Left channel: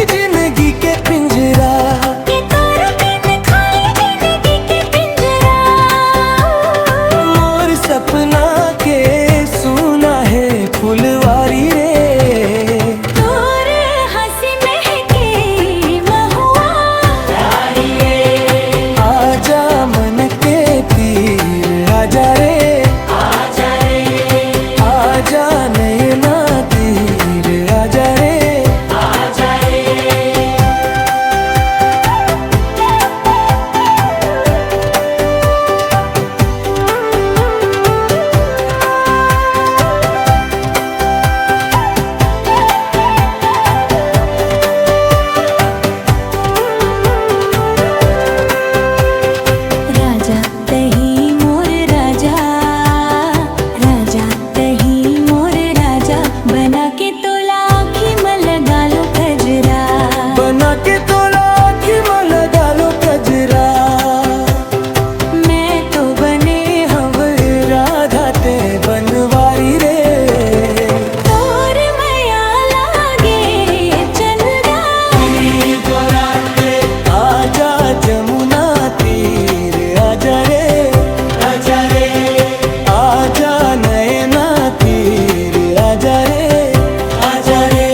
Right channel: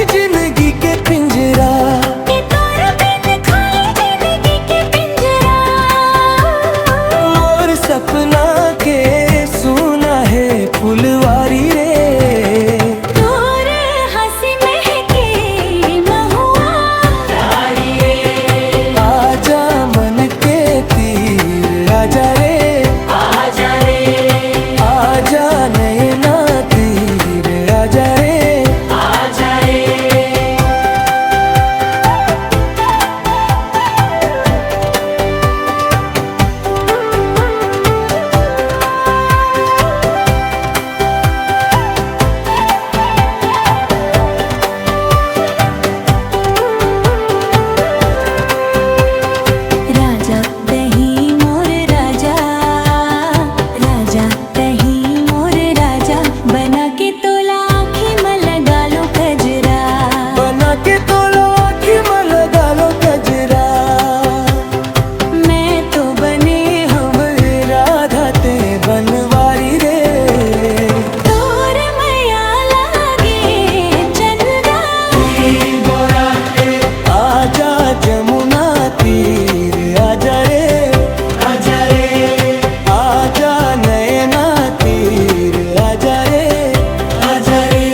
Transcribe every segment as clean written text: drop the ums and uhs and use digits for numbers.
खाली जिंदगी के पिंजरा, के तोर बिन खाली जिंदगी के पिंजरा। मोर सपना के सुना है फुलवारी रे, तोर हंसी महके महुआ प्यारी रे। आजा मन के तीर आजा रे, आजा रे, आजा नैना तीर आजा रे, आजा रे। राजा तही मोर राजा, राजा तही मोर राजा, बना के तोला आँखी में लगा लो कजरा। बना के तोला आँखी में लगा लो कजरा। मैं तो बने हम राधा ते बनवारी रे, तोर मैया लागे चंदा। आजा जमुना तीर आजा रे, आजा रे, आजा नैना तीर आजा रे, आजा रे।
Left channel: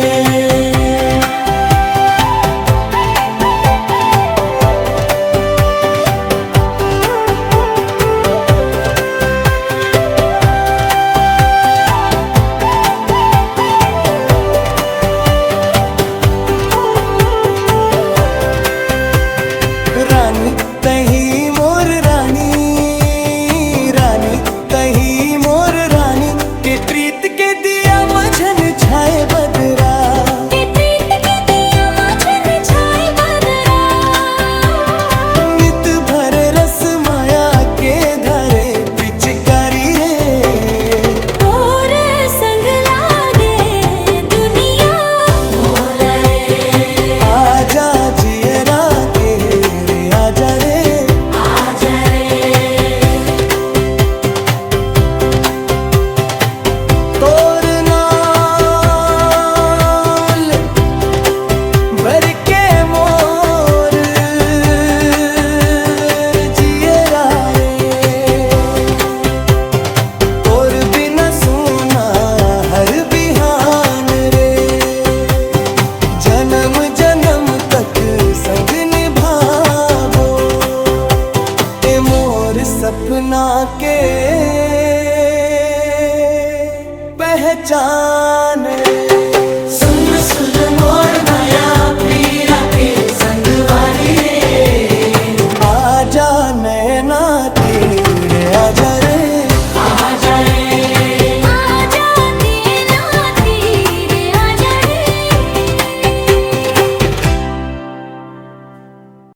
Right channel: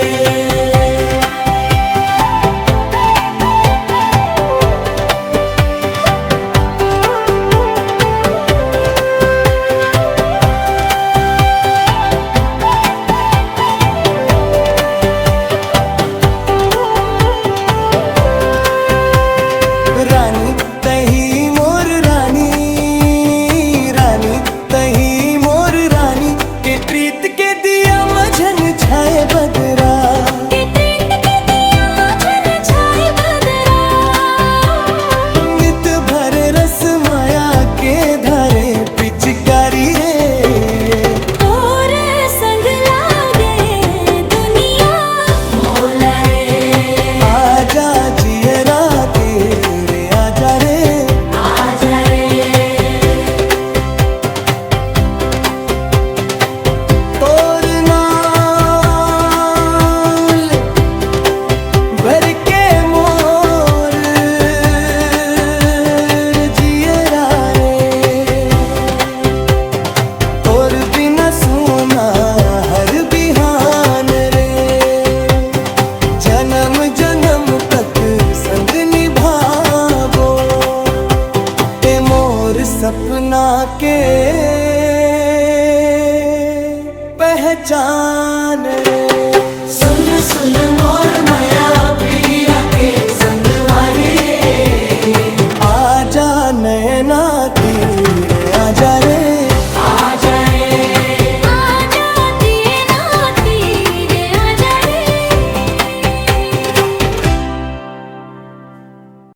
रानी तही मोर रानी, रानी तही मोर रानी, के प्रीत के दिया मझन छाए बदरा, के प्रीत के दिया मझन छाए बदरा। नित भर रस माया के धरे पिचकारी रे, तोर संग लागे दुनिया भोला रे। आजा जियरा के रे आजा रे, आजा रे, तोर नाम ले भर के मोर जियरा रे, तोर बिना सुना हर बिहान रे, जन्म जन्म तक संग निभावो ते मोर सपना के पहचान रे। सुन सुन मोर माया पीरा के संगवारी रे, आजा नैना तीर आजा रे,